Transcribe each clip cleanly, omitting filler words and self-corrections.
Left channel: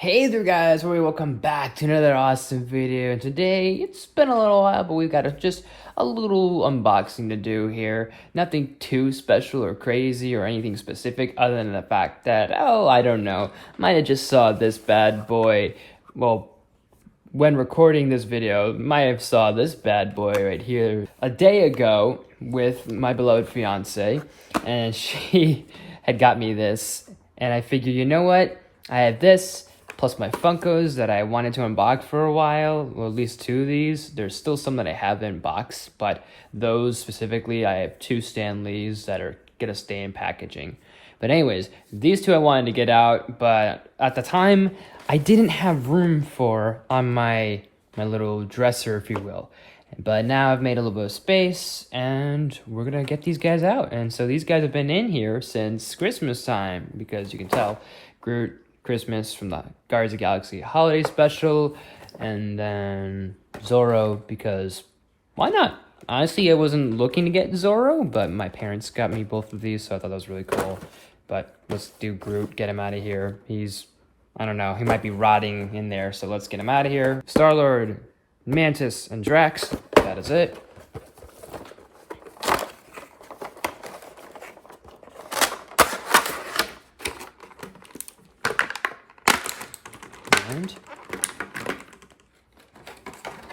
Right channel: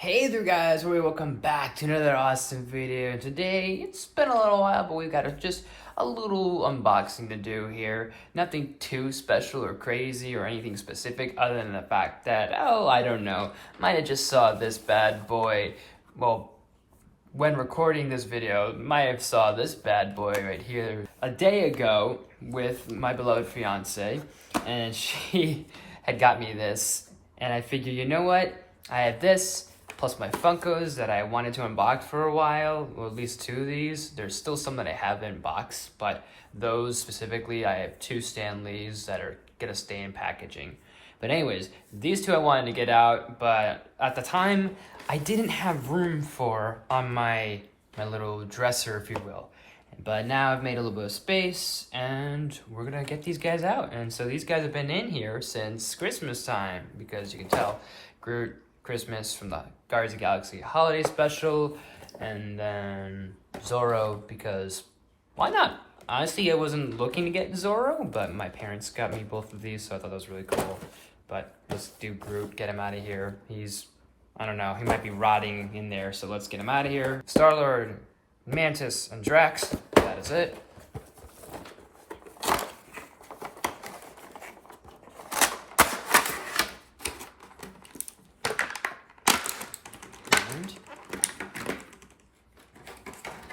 Hey there guys, welcome back to another awesome video. Today, it's been a little while, but we've got just a little unboxing to do here. Nothing too special or crazy or anything specific other than the fact that, I don't know, might have just saw this bad boy, well, when recording this video, might have saw this bad boy right here a day ago with my beloved fiance, and she had got me this, and I figured, you know what, I have this, plus my Funkos that I wanted to unbox for a while, well, at least two of these. There's still some that I haven't boxed, but those specifically, I have two Stan Lees that are gonna stay in packaging. But anyways, these two I wanted to get out, but at the time, I didn't have room for on my little dresser, if you will. But now I've made a little bit of space, and we're gonna get these guys out. And so these guys have been in here since Christmas time, because you can tell, Groot, Christmas from the Guardians of the Galaxy holiday special, and then Zorro, because why not? Honestly, I wasn't looking to get Zorro, but my parents got me both of these, so I thought that was really cool. But let's do Groot, get him out of here. He's, I don't know, he might be rotting in there, so let's get him out of here. Star-Lord, Mantis, and Drax, that is it.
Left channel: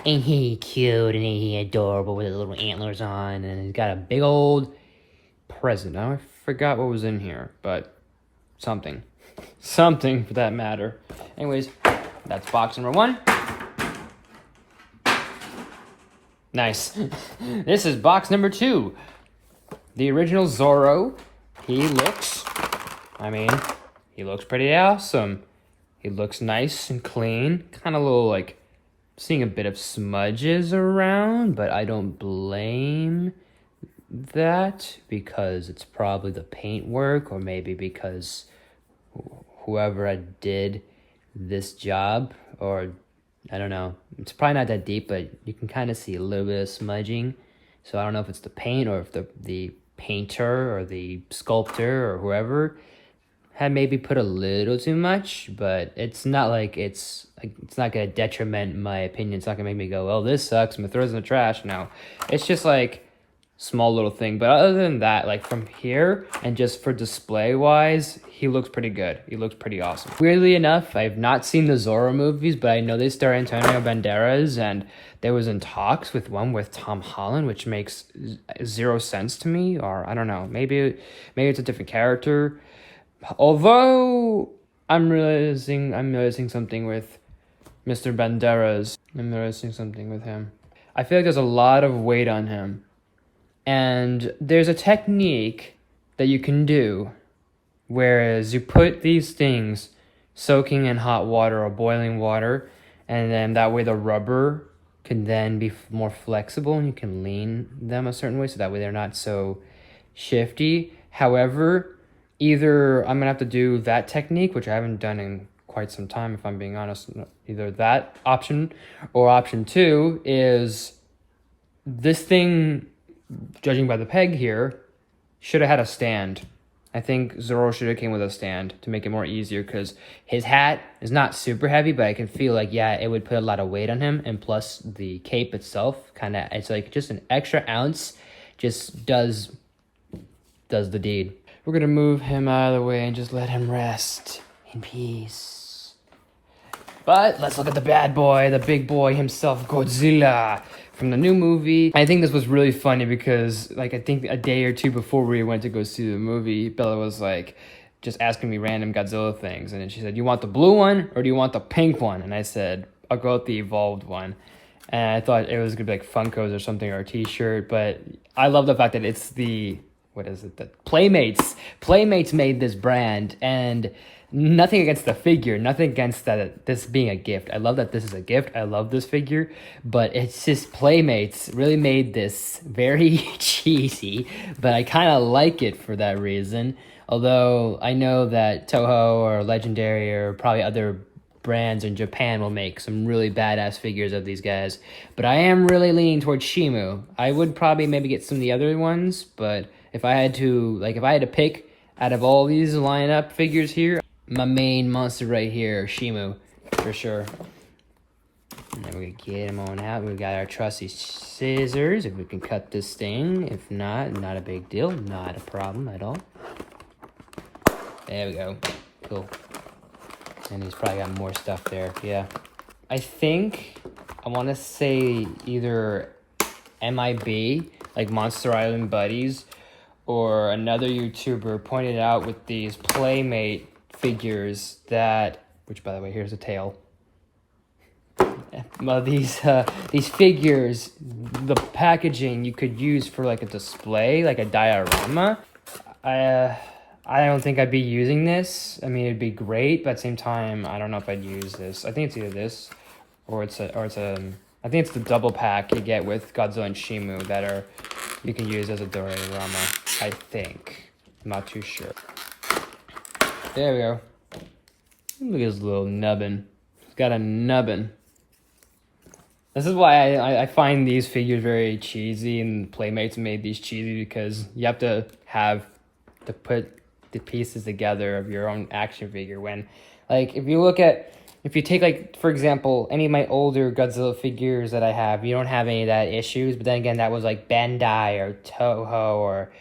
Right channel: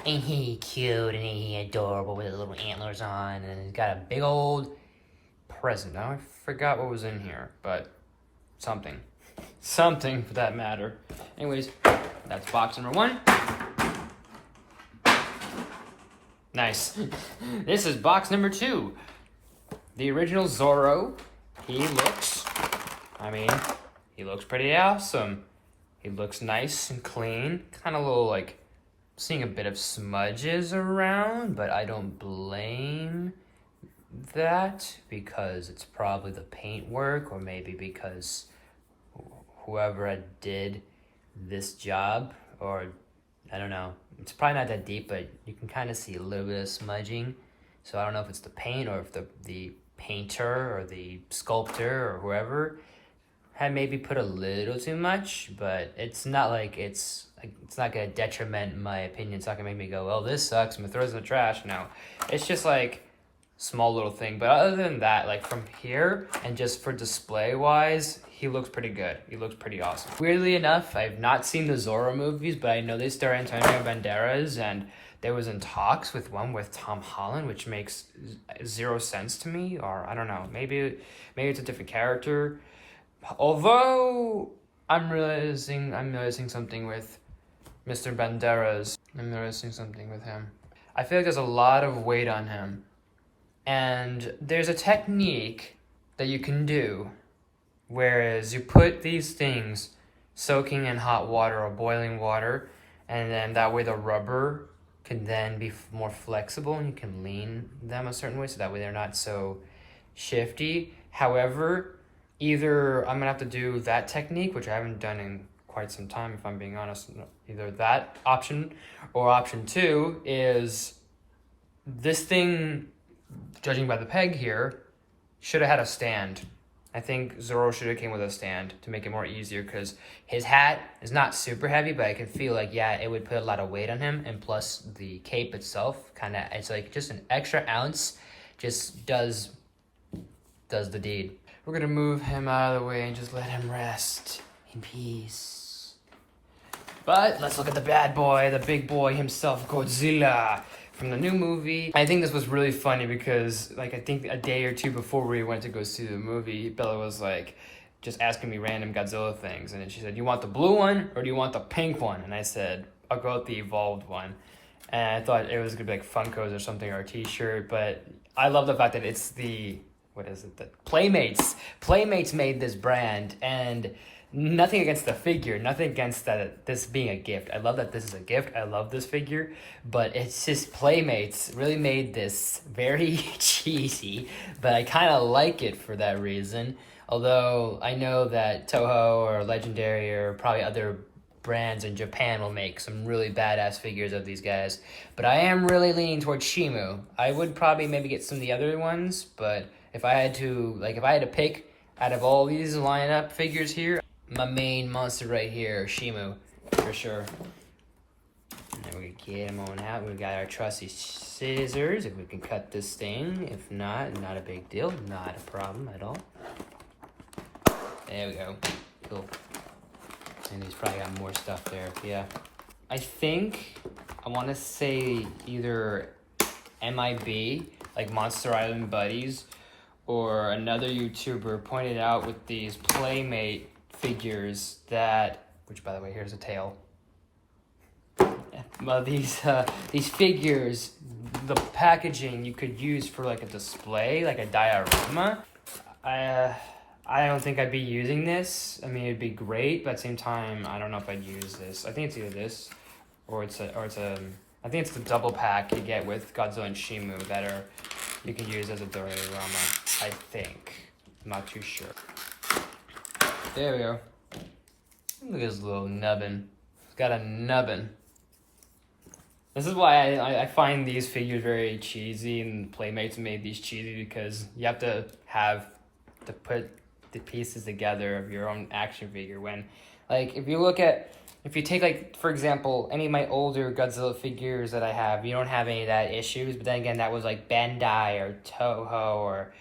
Ain't he cute and ain't he adorable with his little antlers on, and he's got a big old present. I forgot what was in here, but something. Something for that matter. Anyways, that's box number one. Nice. This is box number two. The original Zorro. He looks pretty awesome. He looks nice and clean. Kind of a little like, seeing a bit of smudges around, but I don't blame that because it's probably the paint work, or maybe because whoever did this job, or I don't know. It's probably not that deep, but you can kind of see a little bit of smudging. So I don't know if it's the paint or if the painter or the sculptor or whoever had maybe put a little too much, but it's not like it's not gonna detriment my opinion. It's not gonna make me go, well, this sucks, I'm gonna throw this in the trash. No, it's just like small little thing. But other than that, like from here and just for display wise, he looks pretty good. He looks pretty awesome. Weirdly enough, I've not seen the Zorro movies, but I know they star Antonio Banderas, and there was in talks with one with Tom Holland, which makes zero sense to me, or I don't know, maybe it's a different character. Although I'm noticing something with Mr. Banderas. I'm noticing something with him. I feel like there's a lot of weight on him. And there's a technique that you can do, whereas you put these things soaking in hot water or boiling water, and then that way the rubber can then be more flexible and you can lean them a certain way so that way they're not so shifty. However, either I'm gonna have to do that technique, which I haven't done in quite some time, if I'm being honest, either that option, or option two is this thing, judging by the peg here, should have had a stand. I think Zorro should have came with a stand to make it more easier, because his hat is not super heavy, but I can feel like, yeah, it would put a lot of weight on him, and plus the cape itself, it's like just an extra ounce just does the deed. We're gonna move him out of the way and just let him rest in peace. But let's look at the bad boy, the big boy himself, Godzilla, from the new movie. I think this was really funny because, like, I think a day or two before we went to go see the movie, Bella was like, just asking me random Godzilla things. And then she said, you want the blue one or do you want the pink one? And I said, I'll go with the evolved one. And I thought it was gonna be like Funkos or something, or a t-shirt, but I love the fact that it's the, the Playmates. Playmates made this brand, and nothing against the figure, nothing against this being a gift. I love that this is a gift. I love this figure, but it's just Playmates really made this very cheesy, but I kind of like it for that reason. Although I know that Toho or Legendary or probably other brands in Japan will make some really badass figures of these guys, but I am really leaning towards Shimu. I would probably maybe get some of the other ones, but if I had to pick out of all these lineup figures here, my main monster right here, Shimu, for sure. And then we get him on out. We got our trusty scissors, if we can cut this thing. If not, not a big deal, not a problem at all. There we go, cool. And he's probably got more stuff there, yeah. I think, I wanna say either MIB, like Monster Island Buddies, or another YouTuber pointed out with these Playmate figures that, which by the way, here's the tail. Well, these figures, the packaging you could use for like a display, like a diorama. I don't think I'd be using this. I mean, it'd be great, but at the same time, I don't know if I'd use this. I think it's either this, or I think it's the double pack you get with Godzilla and Shimu that you can use as a diorama, I think. I'm not too sure. There we go. Look at this little nubbin. He's got a nubbin. This is why I find these figures very cheesy, and Playmates made these cheesy because you have to put the pieces together of your own action figure. When, like, if you take, like, for example, any of my older Godzilla figures that I have, you don't have any of that issues, but then again, that was like Bandai or Toho or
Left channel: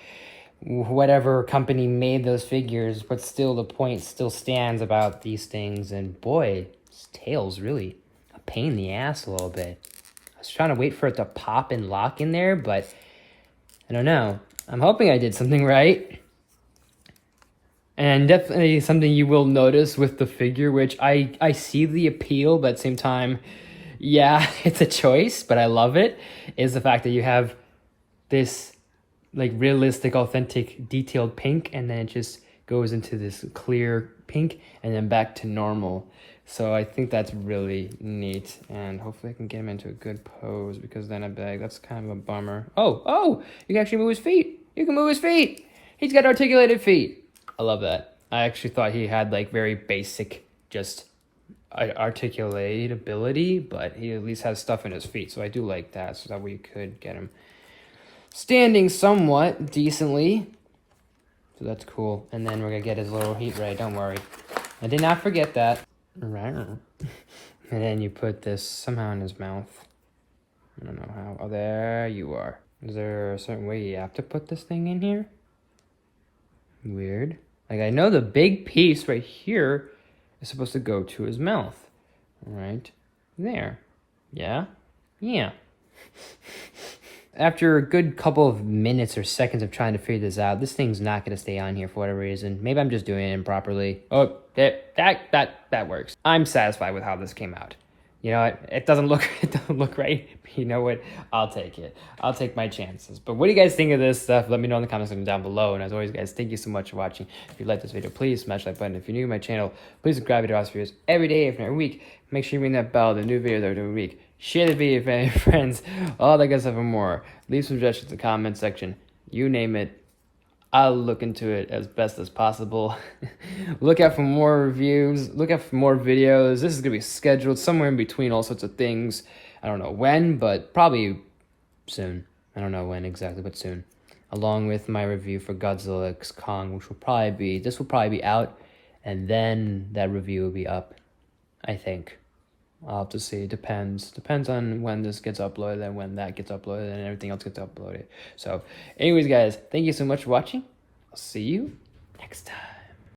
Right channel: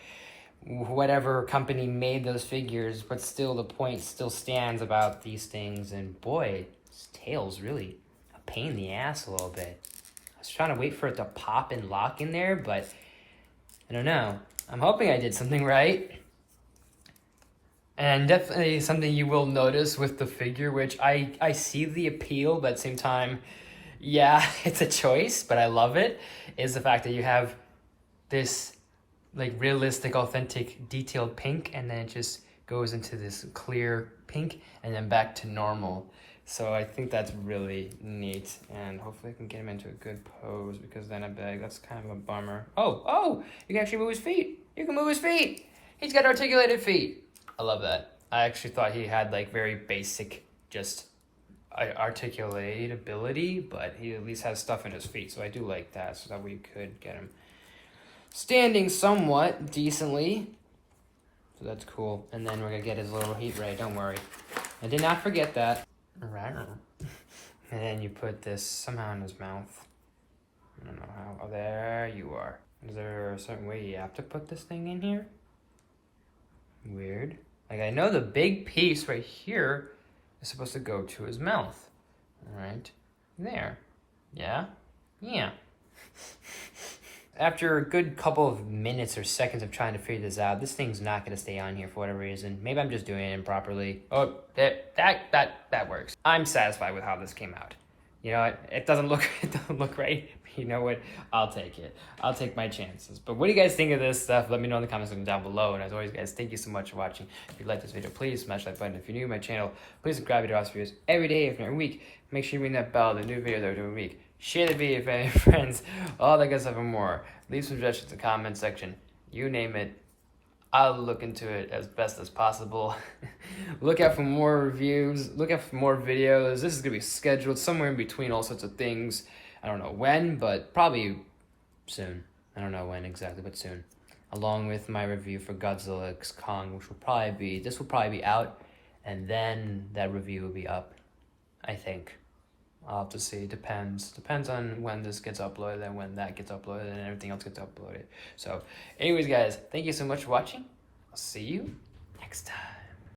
whatever company made those figures, but still the point still stands about these things. And boy, this tail's really a pain in the ass a little bit. I was trying to wait for it to pop and lock in there, but I don't know. I'm hoping I did something right. And definitely something you will notice with the figure, which I see the appeal, but at the same time, yeah, it's a choice, but I love it, is the fact that you have this like realistic, authentic, detailed pink, and then it just goes into this clear pink, and then back to normal. So I think that's really neat, and hopefully I can get him into a good pose, because then that's kind of a bummer. Oh, you can actually move his feet. You can move his feet. He's got articulated feet. I love that. I actually thought he had like very basic, just articulate ability, but he at least has stuff in his feet, so I do like that, so that we could get him standing somewhat decently. So that's cool. And then we're gonna get his little heat ray, don't worry. I did not forget that. Right. And then you put this somehow in his mouth. I don't know how. Oh, there you are. Is there a certain way you have to put this thing in here? Weird. Like, I know the big piece right here is supposed to go to his mouth. Right there. Yeah? Yeah. After a good couple of minutes or seconds of trying to figure this out, this thing's not going to stay on here for whatever reason. Maybe I'm just doing it improperly. Oh, that works. I'm satisfied with how this came out. You know what? It doesn't look right. But you know what? I'll take it. I'll take my chances. But what do you guys think of this stuff? Let me know in the comments section down below. And as always, guys, thank you so much for watching. If you like this video, please smash that button. If you're new to my channel, please subscribe to our videos every day, if not every week. Make sure you ring that bell. The new videos every week. Share the video with your friends. All that good stuff and more. Leave some suggestions in the comment section. You name it. I'll look into it as best as possible. Look out for more reviews. Look out for more videos. This is going to be scheduled somewhere in between all sorts of things. I don't know when, but probably soon. I don't know when exactly, but soon. Along with my review for Godzilla X Kong, which will probably be out, and then that review will be up, I think. I'll have to see. It depends. Depends on when this gets uploaded and when that gets uploaded and everything else gets uploaded. So, anyways, guys, thank you so much for watching. I'll see you next time.